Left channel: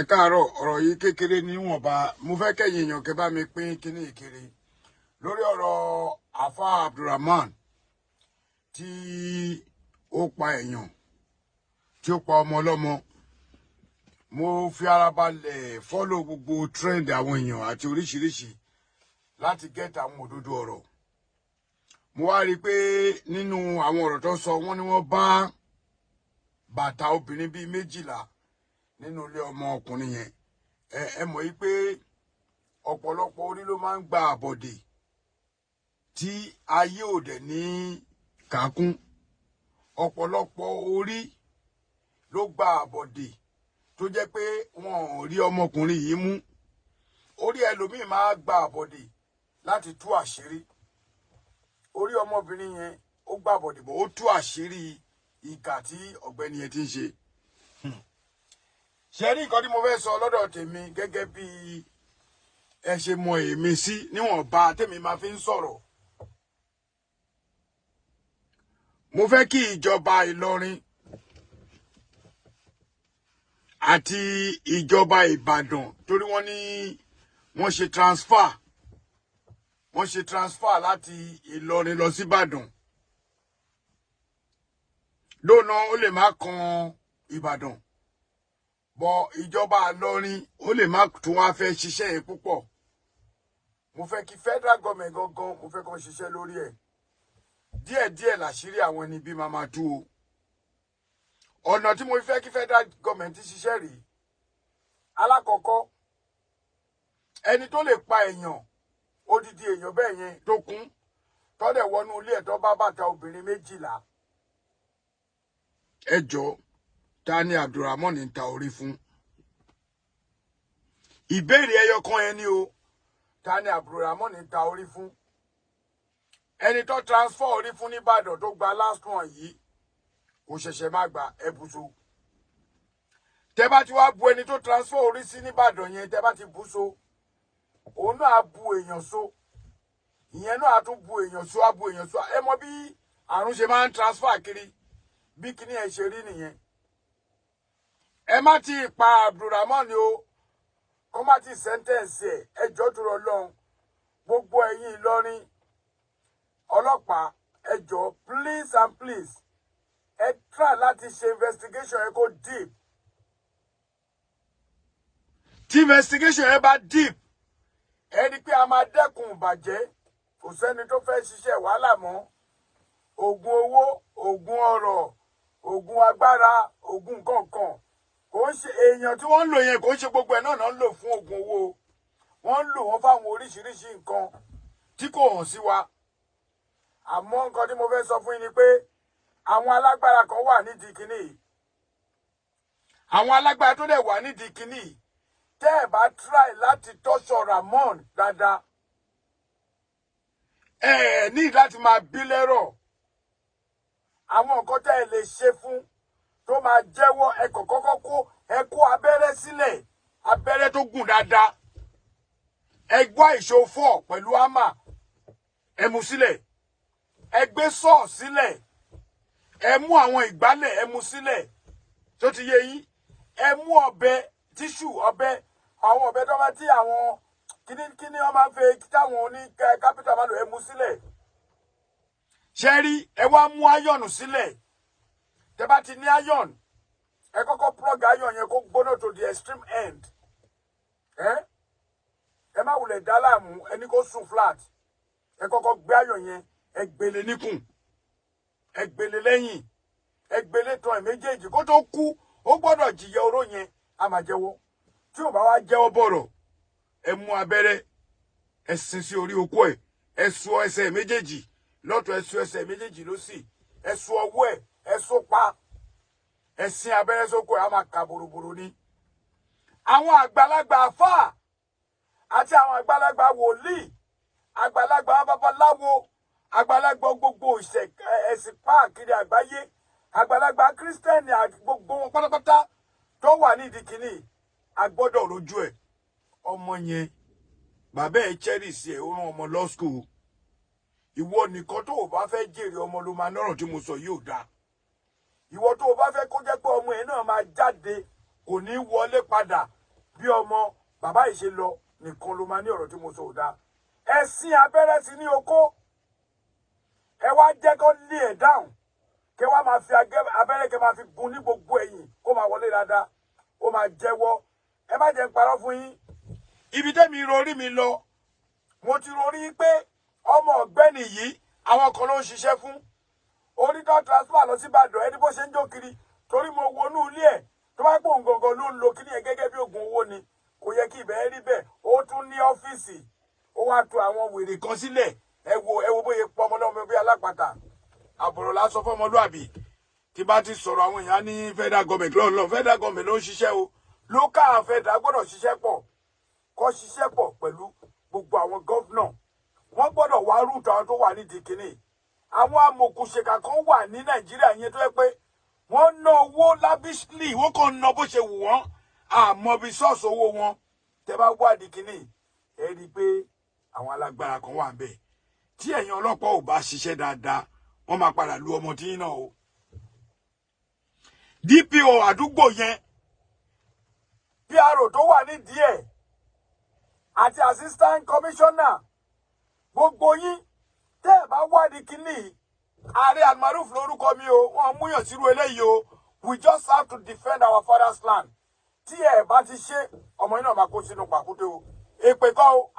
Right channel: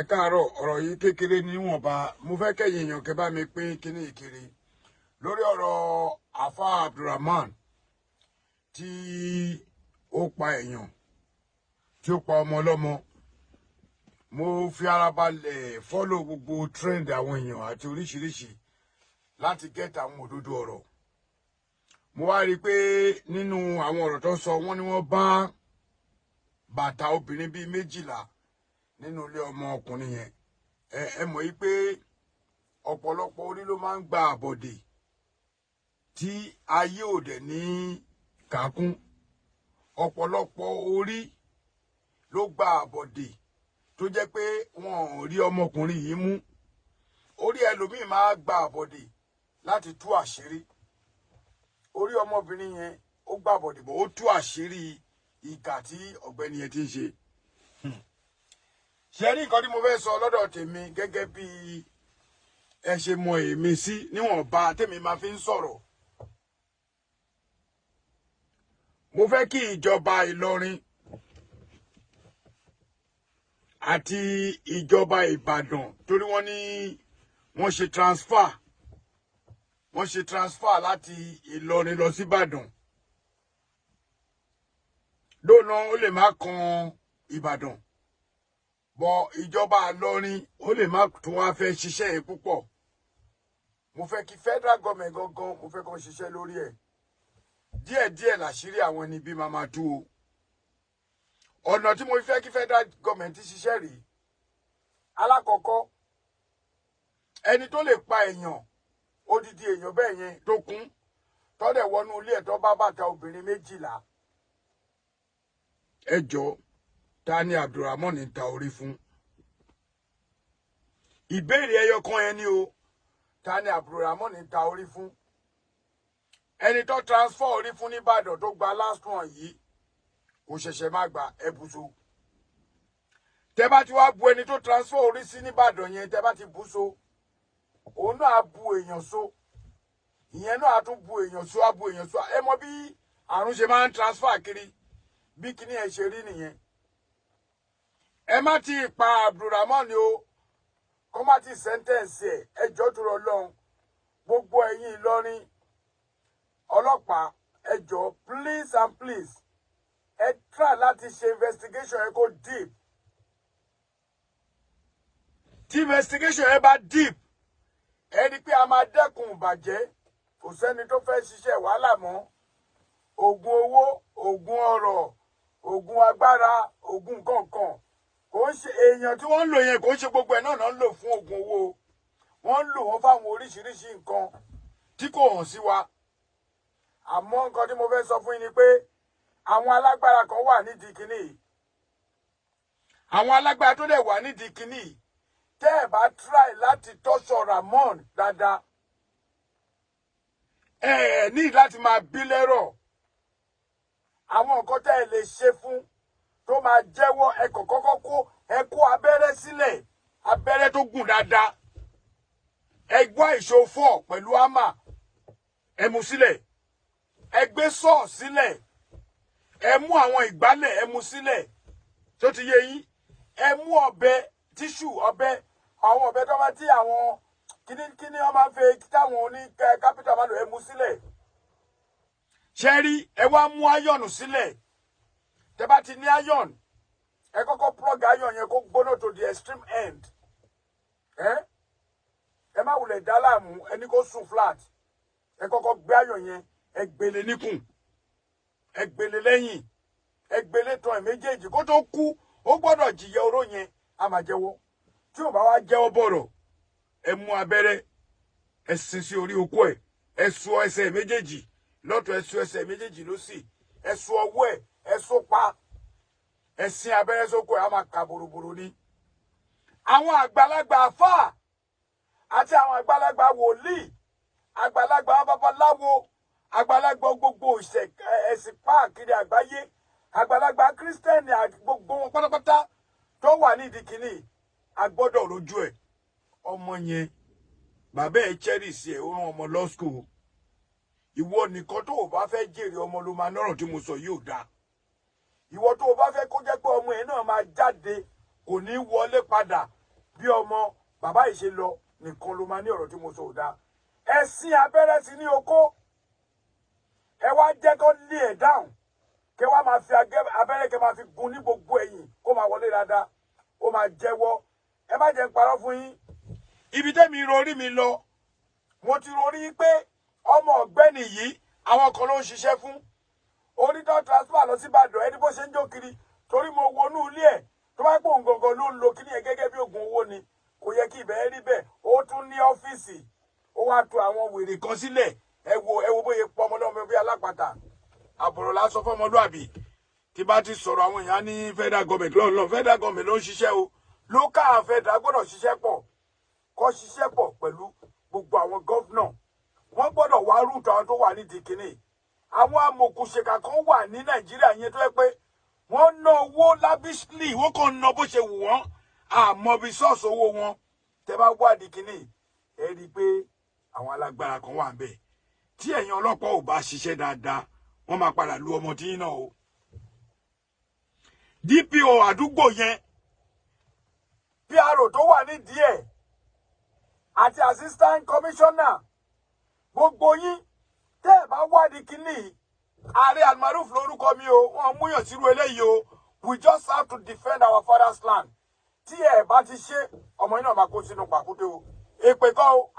ẹ káàárọ̀ ọ̀rọ̀ yìí kékeré níwọ̀nba mo fẹ́ kẹ́yìn èèyàn kẹ́ bá mi pín kíní ìkiri lórí ọ̀rọ̀ Afa Abdulrahman tí ó pa èèyàn tí ó pa ọmọ ọlọ́mọ. Mo fi ara balẹ̀ fọ́lọ̀ gbogbo trend àwọn èèyàn àti oríṣiríṣi láti gẹ́tà àwọn òdodo ọ̀rọ̀. Mo wá rí i pé nínú àwọn ọ̀rọ̀ tó sọ wọ́n ní wọ́n bá bàtà obìnrin bíi 12 nínú ilé ọmọ ọkùnrin yẹn. Ẹ mọ̀ yí pé ọ̀pọ̀lọpọ̀ orí ló máa ń gba àbọ̀dè tí ayé ò dẹ̀ ní kàkún. Ọ̀pọ̀lọpọ̀ orí ló gba àbọ̀dè tó jẹ́ pé wọn ò rí ọmọkùnrin yìí mú. Orí ẹlòmíì máa gba àbọ̀dè láti tú àṣírí. Orí ọmọbìnrin yẹn ó gba àbọ̀dè bọ̀ ó tú àṣírí ìkà tí ọ̀gbẹ́ni yẹn ti ń ṣe. Ṣé rí nǹkan tí mo fẹ́ sọ lọ́dọ̀ tèmi gẹ́gẹ́ bí ẹ ṣe mọ èmi sí níwọ̀nba tèmi máa fi ń sọ̀rọ̀. Mo fẹ́ kí ìjọba Ìlọrin àti ìjọba Ìbàdàn torí wọ́n ní wọ́n ṣe transfer láti Ìlọrin lọ sí Ìbàdàn. Lónà ó lè má kan Ìbàdàn. Bọ̀ ìjọba Ìlọrin ó lè má tún wá fẹ́ ṣiṣẹ́ yẹn púpọ̀. Mo fẹ́ kí federal government gangan mo fẹ́ kàn ṣiṣẹ́ lórí ẹ̀. Díẹ̀díẹ̀ làṣírí àwọn ẹni bí máa máa tú o. Ọ̀nà tí mo fẹ́ kí federal government ṣiṣẹ́ rèé. Alákọ̀ọ́kọ́ ẹni tó lè pa èèyàn odidi èèyàn bẹ́ẹ̀ yẹn tó kún tó dẹ̀ wọnú ilé ẹ̀ tó bá bàtà obìnrin 12. Ẹ jọ̀ọ́ ta ni Abdulrahman ń ta orí fún? Ìbéèrè ẹyọ kan ẹni o, ta ni Abdulrahman ń ta orí fún? Ẹni tó transfer orí fún nìbàdàn tó gba last one yìí kò ṣẹ̀ṣẹ̀ má gba ẹbùsọ. Tẹ́ bá ti wá bu ẹni tó transfer orí sí nìbàdàn yẹn, tẹ́ bá ti bú so, òun náà á bu èèyàn so. Ìyẹn náà á tún bu èèyàn so, á bu èèyàn so. Ẹ mọ bí àrùn ṣe máa ń transfer kiri, bí kíní ẹ ṣe rí nìyẹn. Ẹ má ti pa Abdulrahman o, kó má ti sẹ́ńtẹ̀ǹsì ẹ̀, ẹ jọ̀ọ́ tó Ọlọ́run. Gbogbo ẹ̀yin Ìlọrin ọlọ́pàá, ẹ jọ̀ọ́ please and please, ẹ try láti ṣe investigation ẹ kó deep. Tí investigation ẹ bá deep, ẹ rí pé a máa dẹ́kun ìbàjẹ́. Kò sẹ́ni tó fẹ́ ṣiṣẹ́ wàhálà mọ́. Ògùn owó, ògùn ọrọ̀, ògùn agbára, ògùn kọ̀ọ̀kan. Kò ń ṣe èèyàn tí wọ́n ń lò yẹn, kò ń ṣe gbogbo ẹ̀ náà ń lò fún ògùn owó. Wọ́n ń lò wọ́n fáwọn oríṣiríṣi nǹkan tí kò hàn sí wa. Àmọ́ nǹkan tí mo fẹ́ sọ fún yín ni pé àwọn alágbára kan wà nídìí kíní. Àwọn alágbára tó dẹ̀ wà nídìí kíní. Tẹ́ ẹ̀ bá try láti tọ́ṣọ̀ Ramon dáadáa, ẹ ní láti máa bí lẹ́rọ̀. Àwọn nǹkan tẹ́ ẹ lè ṣe fún tó máa jẹ́wọ́, ẹ kọ́kọ́ kó abẹ́rẹ́ sílẹ̀, abẹ́rẹ́ tó gùn dáadáa. Ẹ gbọ́ ìṣó 4 pẹ̀lú hámà, ẹ mú sílẹ̀. Ẹ gbé sọ́ọ̀ sílẹ̀. Ẹ mú àwọn ìgbálẹ̀, ẹ mú sílẹ̀. Tó ti yé yín. Ẹ mú ọ̀bẹ, tíṣù, ọ̀bẹ, àwọn ọ̀bẹ tó bá tí àwọn kíní wọ́n máa ń fẹ́ táwọn oní kápítà máa lò, ẹ mú sílẹ̀. Ṣé rí, ẹ wá mú áyọ̀nù sílẹ̀. Tẹ́ bá ti ní áyọ̀nù, ẹ kọ́kọ́ plug áyọ̀n yẹn kó gbóná to the extreme end. Ẹ má wulẹ̀ dá láàmú, ẹni kó sùn flat. Ẹ kọ́kọ́ gbé áyọ̀n yẹn, ẹ gbélé níkùn, ẹ gbélé lẹ́yìn, ẹ gbélé tán ẹ̀ méjèèjì. Kó tó kú, ó gbọ́dọ̀ jìyà oró yẹn, a máa jẹ́wọ́. Tí ò bá wá jẹ́wọ́ bọ̀rọ̀, ẹ mú abẹ́rẹ́, ẹ sin sí orí okó ẹ̀, ẹ so ẹsẹ̀ méjèèjì lọ́tọ̀, ẹ so ẹsẹ̀ méjèèjì lósì, ẹ so ọwọ́ ẹ̀, ẹ so pa, ẹ sin abẹ́rẹ́ sóko ẹ̀, a máa ka bòròbòrò ni. Àwọn àgbàlagbà àfáà àti àwọn àgbàlagbà wòlíì, àgbàlagbà babaláwo, àgbàlagbà gbogbo ẹ̀sìn káàkiri àgbáyé, àgbàlagbà kírísítẹ́nì gbogbo wọn pátápátá tó wà nídìí kínní, a gbọ́dọ̀ rojú ẹ̀. Ọmọ yẹn bàbá ẹ̀ cherish ẹ̀, ó rán ọmọ law school. Ìwọ nìkan tó o bá fẹ́ jèrè ọmọ ló máa nọ́rọ̀ tí mo sọ yóò dáa. Ìwọ tó o bá fẹ́ kó jẹ́ pé ọmọ ẹ̀ náà máa jáde, kò ní wọlé padà bí ọmọ bàbá yìí ṣe lọ nìkan ló máa ní ọ̀rọ̀ tí mo sọ ò dáa. Ẹ̀sìn abẹ́rẹ́ sí ní oko ẹ wá jẹ́ kó lé ẹ̀ dáhùn kí wá máa fi abẹ́rẹ́ kí máa fi gun ní gbogbo ẹ̀yìn kó máa wọlé dáadáa ó máa jẹ́wọ́. Ẹ má jẹ́ ń parọ́ fún yín. Ibi tẹ́mi rorí mi lọ mo ti rorí pé ọmọ ọ̀gbẹ́ni yìí àwọn kan ló ń ṣiṣẹ́ fún onídọ́ transfer lọ sí Ìbàdàn ẹni bó ṣe ń jó kiri torí mo wọnú ilé ẹ̀ tó bá gbóhùn gangan ló ń lo kíní ẹ̀ gẹ́gẹ́ bí oògùn owó ni kò yẹ kí ibẹ̀ rí bẹ́ẹ̀. Ó tún ní ọ́fíìsì ó wá to àwọn wèrè kan sílẹ̀ ẹ wo bóyá pọ ọmọ náà bí alápàtà àbọ̀rọ̀ lásán fọmọlúàbí. Tí bá ti sọ̀rọ̀ àwọn èèyàn ní federal government lọ́nà federal government ló ń ṣiṣẹ́ o local federal gbọ́dọ̀ ṣiṣẹ́ pọ̀ kó ṣiṣẹ́ pọ̀ pẹ̀lú gbogbo àwọn gọ́fúnà wọ́n gbọ́dọ̀ wá rúùtù àwọn tó wà nídìí kínní. Àwọn amòkùnṣèkà kan wà ní Nàìjíríà yẹn tó yẹ pé wọ́n ná owó lavishly wọ́n kàn ná bó ṣe wù wọ́n àmọ́ bí sọ́ọ̀sì owó wọn tẹ́ bá wádìí kínní ẹ rí i pé àwọn alágbára kan wà ńbẹ̀ tí ẹ̀yin ọlọ́pàá ò bá ṣiṣẹ́ dáadáa wọ́n máa padà lu ọmọ tí náà o. DPO àdúgbò yẹn PRO tó wà nídìí ẹ̀ àti assistant commissioner gbogbo yín tẹ́ ẹ̀ bá wádìí kínní ààrẹ almaroof lórúkọ mi o wọ́n múyàn sírú eléyìí o. We just have to defend our father's land. Tí ẹ̀ bá ti ṣe ọmọ yín náà máa kó sínú pàkúté o èpè kọ́ o.